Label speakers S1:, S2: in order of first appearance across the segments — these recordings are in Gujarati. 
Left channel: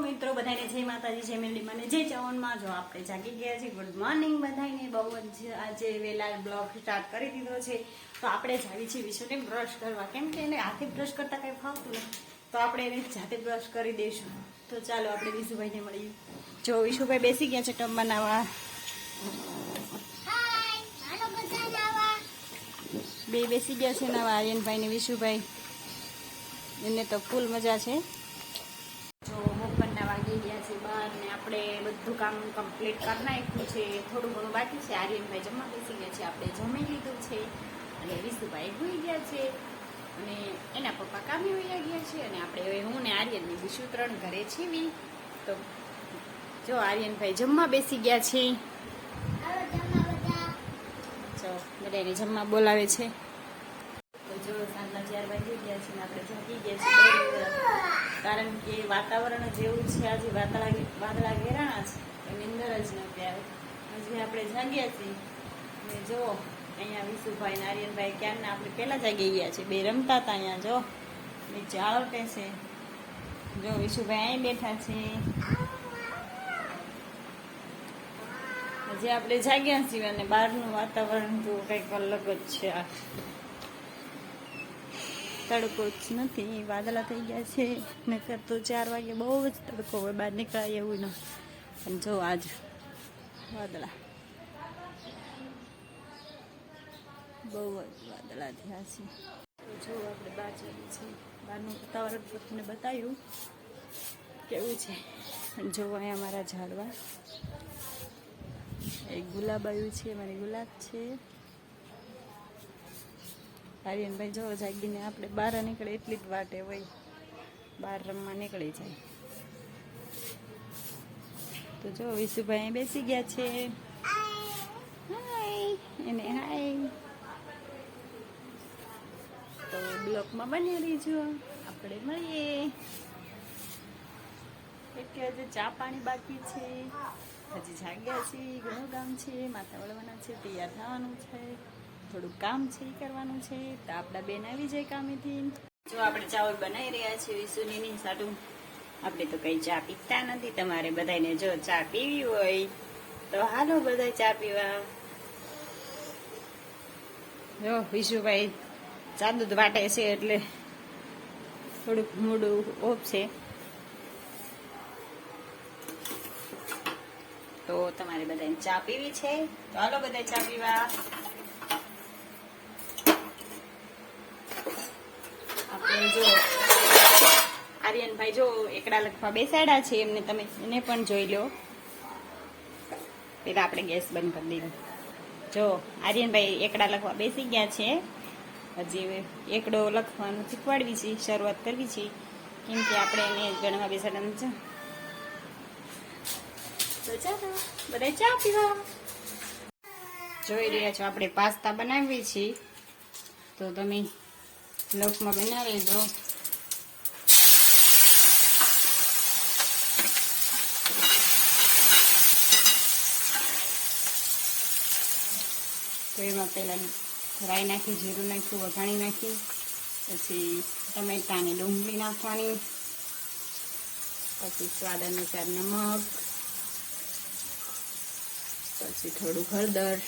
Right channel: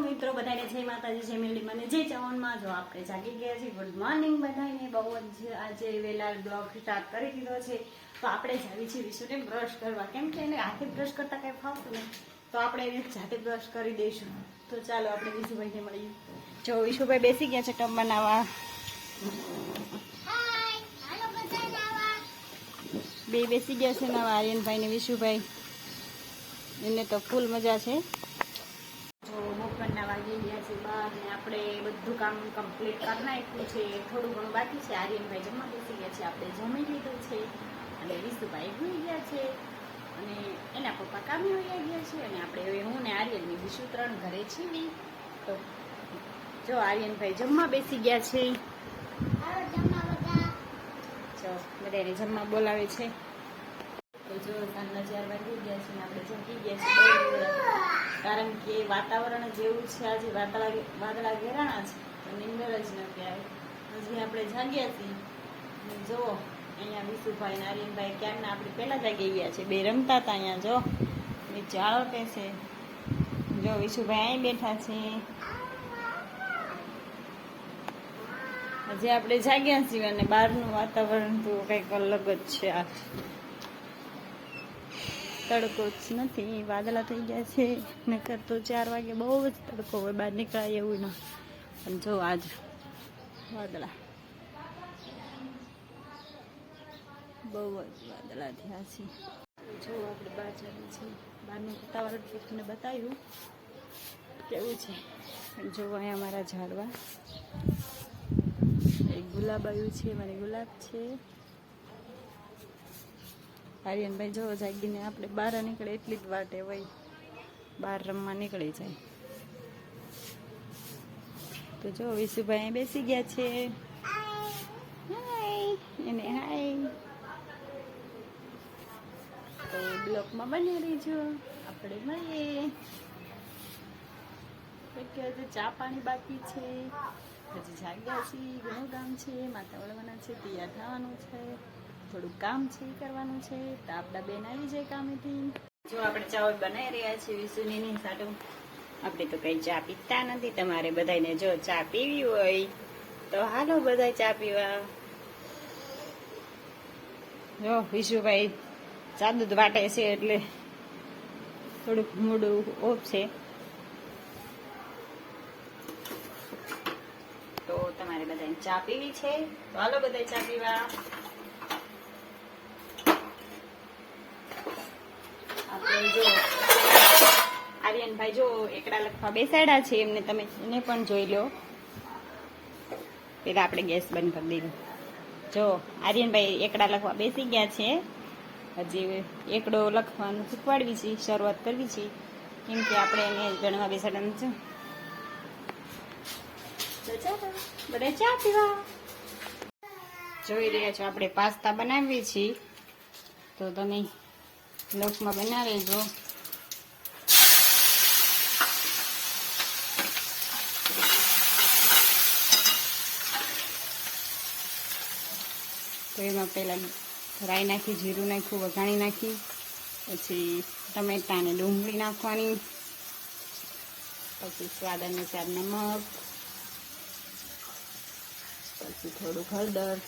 S1: મિત્રો બધાને જય માતાજી જય મેલડી મને જય ચવનમાં જો આપણે જાગી ગયા છીએ ગુડ મોર્નિંગ બધાને બહુ જ આજે વેલા બ્લોગ સ્ટાર્ટ કરી દીધો છે. તો આપણે જાવી છીએ વિશુને બ્રશ કરવા. કેમ કે એને હાથે બ્રશ કરતા કંઈ ફાવતું નહીં તો આપણે એને જાતે બ્રશ કરી દઈશું. તો ચાલો આપણે વિશુભાઈને મળીએ. જો વિશુભાઈ બેસી ગયા છે ટબ બનાવવા. બે બેસી ગયા છે નવા આર્યનભાઈ ને વિશુભાઈ. એને તો ફૂલ મજા છે. જો ગયા છે બાર ને આપણે બધું કામ કમ્પ્લીટ કરી નાખ્યું છે. થોડું ઘણું બાકી છે. આર્યનભાઈ જમવા બેસી ગયા છે. આપણે જમી લીધું છે. અને વિશુભાઈ ભૂઈ ગયા છે. અને એના પપ્પા કામે વયા ગયા છે. અને આપણે હવે હું ને આર્યનની બીજું ત્રણ ઘરે છીએ તો જો આર્યનભાઈ જમવા બેસી ગયા છે. જો બધાને જમવા બોલાવે છે. તો જો સાંજના ચાર વાગી ગયા છે ને આપણે જમી ગયા છે. બહુ વહેલા. કારણ કે વાતાવરણ જ એવું છે, આજે વાદળા વાદળા ઘેરાણા છે, તો નિંદર જ નથી આવી હજી આપણે જાગ્યા છીએ. જુઓ, અહીંયા વિશુભાઈ ને આર્યનભાઈ ક્યારના? આપણે પહેલા જાગી ગયા છે. બે રમતા હતા અહીંયા જો નીચે ચાળો છે. જો વિશુભાઈ અહીં બેઠા છે. હજી આપણે જાગ્યા છીએ અને બહારનું વાતાવરણ તો કંઈક અલગ જ છે આ. તડકો જ નથી, વાદળા થઈ ગયા છે. નકર તો ચાર વાગે બહુ જ તડકો હોય, બહાર નીકળાય એવું ના. પણ જો આજ વાદળા. બહુ જ વાદળા થયા છે. જો આપણે બહાર જઈએ છીએ. બહારનું વાતાવરણ તો તમને બતાવ્યું કેવું છે. જો અહીંયા મારા ઝાડવા. એક ગુલાબ આવ્યું છે, મારે ગુલાબ છે. આર્યનભાઈ જો જાગીને આપણે બહાર નીકળે એટલી જ વાટે હોય. બહાર રમવા નીકળી જાય. તો જો, વિશુભાઈ બેસી ગયા છે. હાય એને હાય તો બ્લોકમાં બન્યા રહીજો. આપણે મળીએ. આજે ચા પાણી બાકી છે. હજી જાગ્યા છે ઘણું કામ છે. માતા વળવાના છે, તૈયાર થવાનું છે. થોડું કામ છે એ કરવાનું છે, તો આપણા બેન આવી જાય કામેથી. જો આપણે ચાવલ બનાવી રહ્યા છીએ વિસુની સાટું. આપણે તો કઈ ચા પીતા નથી, તમારે બધાને જો ચા પીવી હોય, તો હાલો બધા ચા પીવા. જો વિશુભાઈ ચા દૂધ વાટે છે એટલે થોડુંક મોડું ઓફ છે. તો તમારે બધાને ચા પીવી છે, તો હાલો બધા ચા પીવા આપણે જો, આર્યનભાઈ જો એકડા લખવા બેસાડ્યા છે, એમને તમે એને પણ જોઈ લો. પેલા આપણે ગેસ બંધ કરી દીધું જો, આર્યનભાઈ એકડા લખવા બેસી ગયા છે. હજી એકડો લખવાનું શીખવાડવી છે, શરૂઆત કરવી છે. કેમ કે આપણે એને ગણવા બેસાડવાનું છે. ચા પીવા? જોઈ રહ્યા છો, આપણે પાસ્તા બનાવીએ છીએ. તો તમે લોટમાં બનાવી દો તો એમાં પહેલાં રાઈ નાખી જીરું નાખ્યું વઘાણી નાખી પછી ટમેટાને ડુંગળી નાખવાની પછી સ્વાદ અનુસાર નમક પછી થોડું હળદર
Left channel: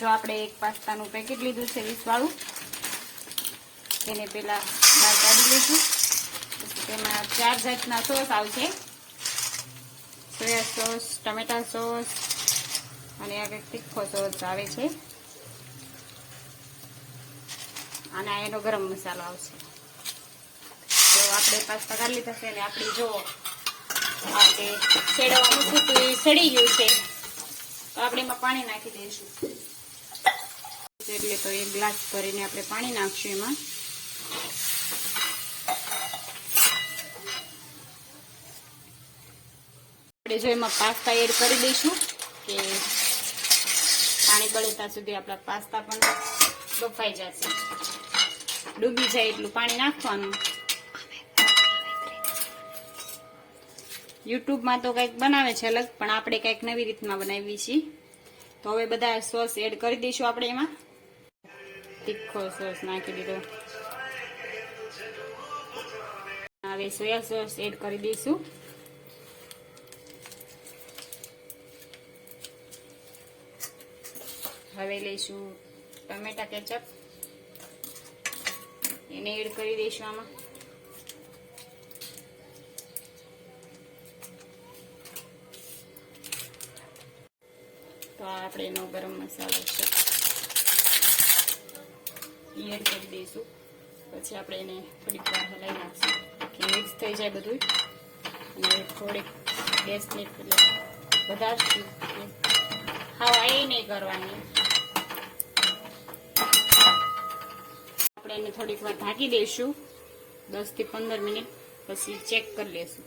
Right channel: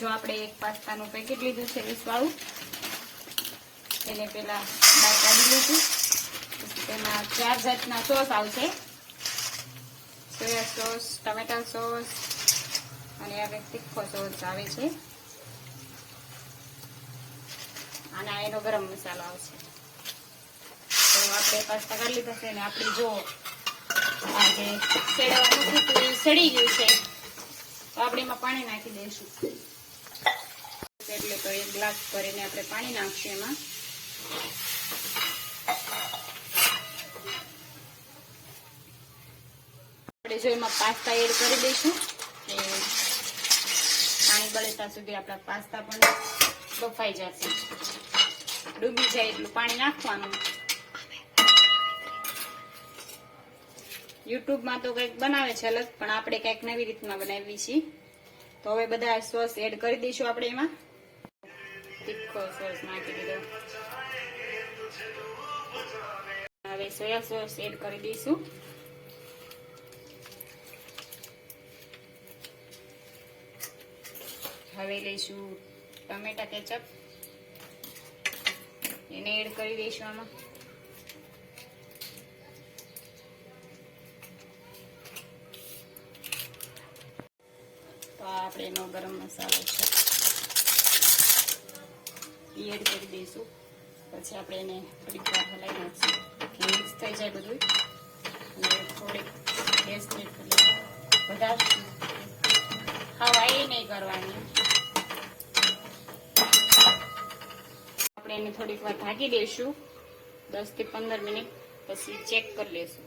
S1: જો આપણે એક પાસ્તાનું પેકેટ લીધું છે વીસવાળું, તેને પેલા કાઢી લીધું તેમાં ચાર જાતના સોસ આવશે. સોયા સોસ, ટમેટા સોસ અને આ તીખો સોસ આવે છે. અને એનો ગરમ મસાલો આવશે. તો આપણે પાસ્તા કાઢી લીધા છે અને આપણે જો આપણે સેડવાનું છે તો એ સડી ગયું છે, તો આપણે એમાં પાણી નાખી દઈશું. એટલે તો એક ગ્લાસ ભરીને આપણે પાણી નાખશું એમાં. આપણે જો એમાં પાસ્તા એડ કરી દઈશું કે પાણી પડે ત્યાં સુધી આપણા પાસ્તા પણ બફાઈ જશે. ડૂબી જાય એટલું પાણી નાખવાનું. યુટ્યુબમાં તો કંઈક બનાવે છે અલગ, પણ આપણે કંઈક નવી રીતમાં બનાવી છીએ. તો હવે બધા સોસ એડ કરી દઈશું આપણે એમાં. તીખો સોસ નાખી દીધો હવે સોયા સોસ એડ કરી દઈશું. હવે લઈશું ટમેટા કેચપ એને એડ કરી દઈશું આમાં. તો આપણે એનો ગરમ મસાલો છે. ઈ એડ કરી દઈશું. પછી આપણે એને થોડીક વાર હલાવી નાખીશું. મિક્સ થઈ જાય બધું અને થોડીક ટેસ્ટ બધા કરી વધારે એ નહીં કરવાની. આપણે એને થોડીક વાર ઢાંકી દઈશું. દસથી પંદર મિનિટ. પછી ચેક કરી લઈશું.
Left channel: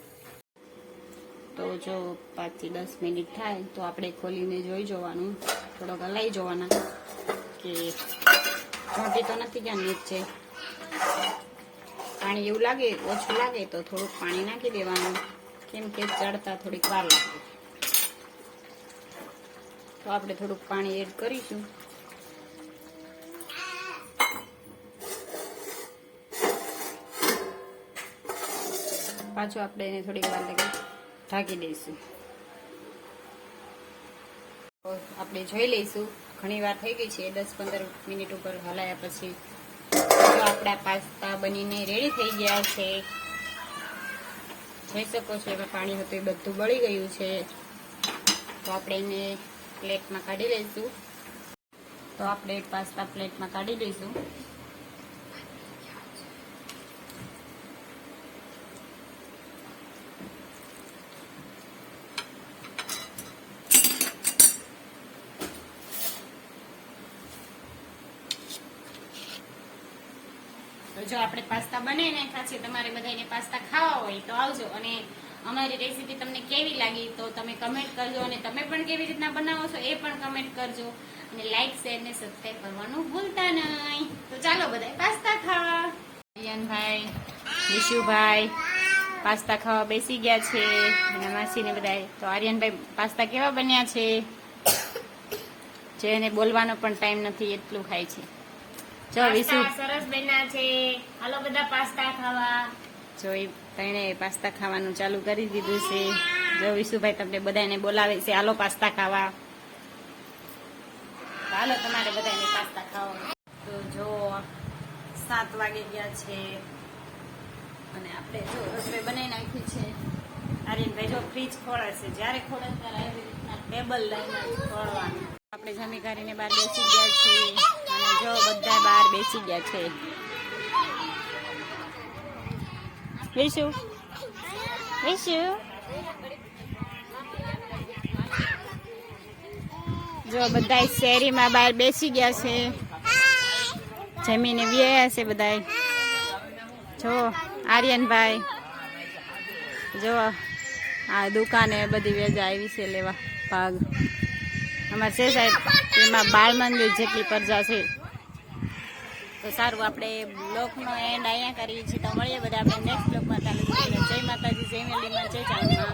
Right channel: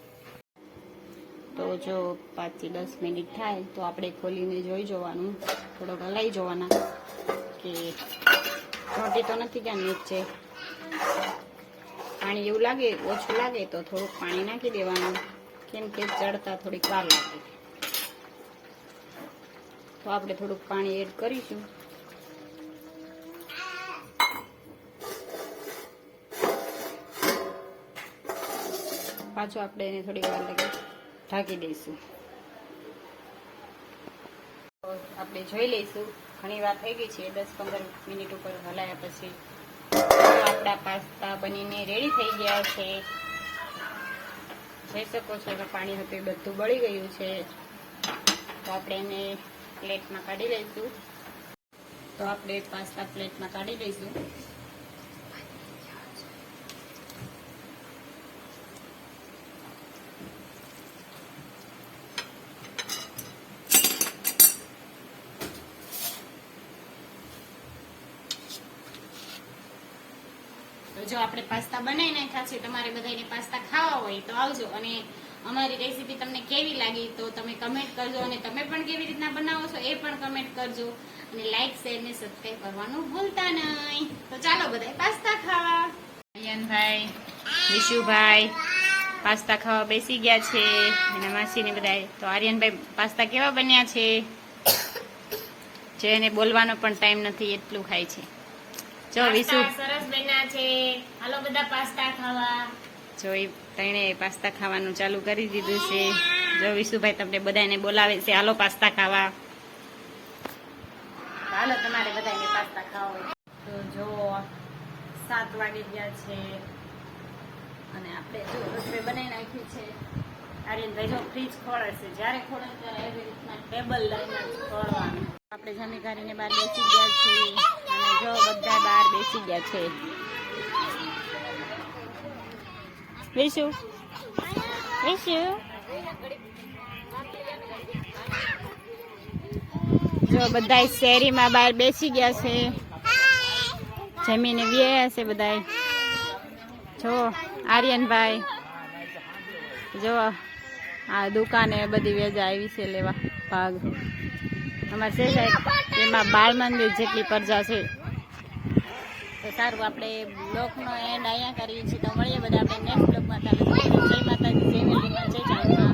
S1: તો જો પાંચથી દસ મિનિટ થાય, તો આપણે ખોલીને જોઈ જોવાનું. થોડોક હલાઈ જોવાના કે ચોંટી તો નથી ગયા, નીચે પાણી એવું લાગે, ઓછું લાગે તો થોડુંક પાણી નાખી દેવાનું. કેમ કે ચડતા થોડીક વાર લાગે. તો આપણે થોડુંક પાણી એડ કરીશું. પાછું આપણે એને થોડીક વાર લાગે ઢાંકી દઈશું. આપણે જોઈ લઈશું. ઘણી વાર થઈ ગઈ છે દસ પંદર મિનિટ ઉપર હલાયા પછી. આપણા પાસ્તા બનીને રેડી થઈ ગયા છે. જોઈ શકો છો, એમાં પાણી હતું, એ બધું બળી ગયું છે. તો આપણે એને પ્લેટમાં કાઢી લઈશું. તો આપણે પાસ્તા પ્લેટમાં કાઢી દઈશું જો આપણે પાસ્તા બનાવી નાખ્યા છે, તમારે બધાને પાસ્તા ખાવા હોય તો આવજો. અને અમારી રેસીપી તમને કેવી લાગી તો તમે કમેન્ટ કરજો અને તમે પણ કેવી રીતના બનાવો છો એ પણ કમેન્ટ કરજો. અને લાઇક શેર ને સબસ્ક્રાઈબ કરવાનું ભૂલતા નહીં. તો ચાલો બધા પાસ્તા ખાવા. અયનભાઈ વિશુભાઈ પાસ્તા ખાવા બેસી ગયા છે. એના માસીને બધા તો આર્યનભાઈ પાસ્તા કેવા બન્યા છે? જે એને બોલવાનો પણ ટાઈમ નથી, એટલું ખાય છે. જો વિશુ
S2: સરસ બન્યા છે. હાલો બધા પાસ્તા ખાવા.
S1: જો એ તેણે પાસ્તા ખાવાનું ચાલુ કરી દીધું છે. જો વિશુભાઈ તમને બધાને બોલાવે છે. હાલો પાસ્તા ખાવા. હાલો તમારે બધાને પાસ્તા ખાઓ તો જો સાત વાગી ગયા છે. અને આપણે જો રસોઈ બનાવી નાખી છે. આર્યનભાઈ જો ફ્રીજ ખોળે છે. જ્યારે ખોળે ત્યારે એવી રીતના ટેબલ લઈને ખોળવાનું. આપણે જમી કરીને બહાર બેસી ગયા છીએ. અને જો બધા બહાર બેસી ગયા છે. વિશુ વિશુ જો બધા શેરીમાં બહાર બેસી ગયા છે. જમીને વ્યાયા છે બધા જો, આર્યનભાઈ. જો, આ દુકાને બધી વેજા આવી છે લેવા ભાગ. અમારે સાહેબ, એમાં બાળ મંદિર જેટલી પ્રજા છે. તો સારું, આપણે બ્લોકનો એન્ડ અહીંયા કરીએ છીએ. તો મળીએ બધા આપણે નેક્સ્ટ બ્લોકમાં. ચાલુ જય માતાજી, જય મેલીમાં જય ચાંદમાં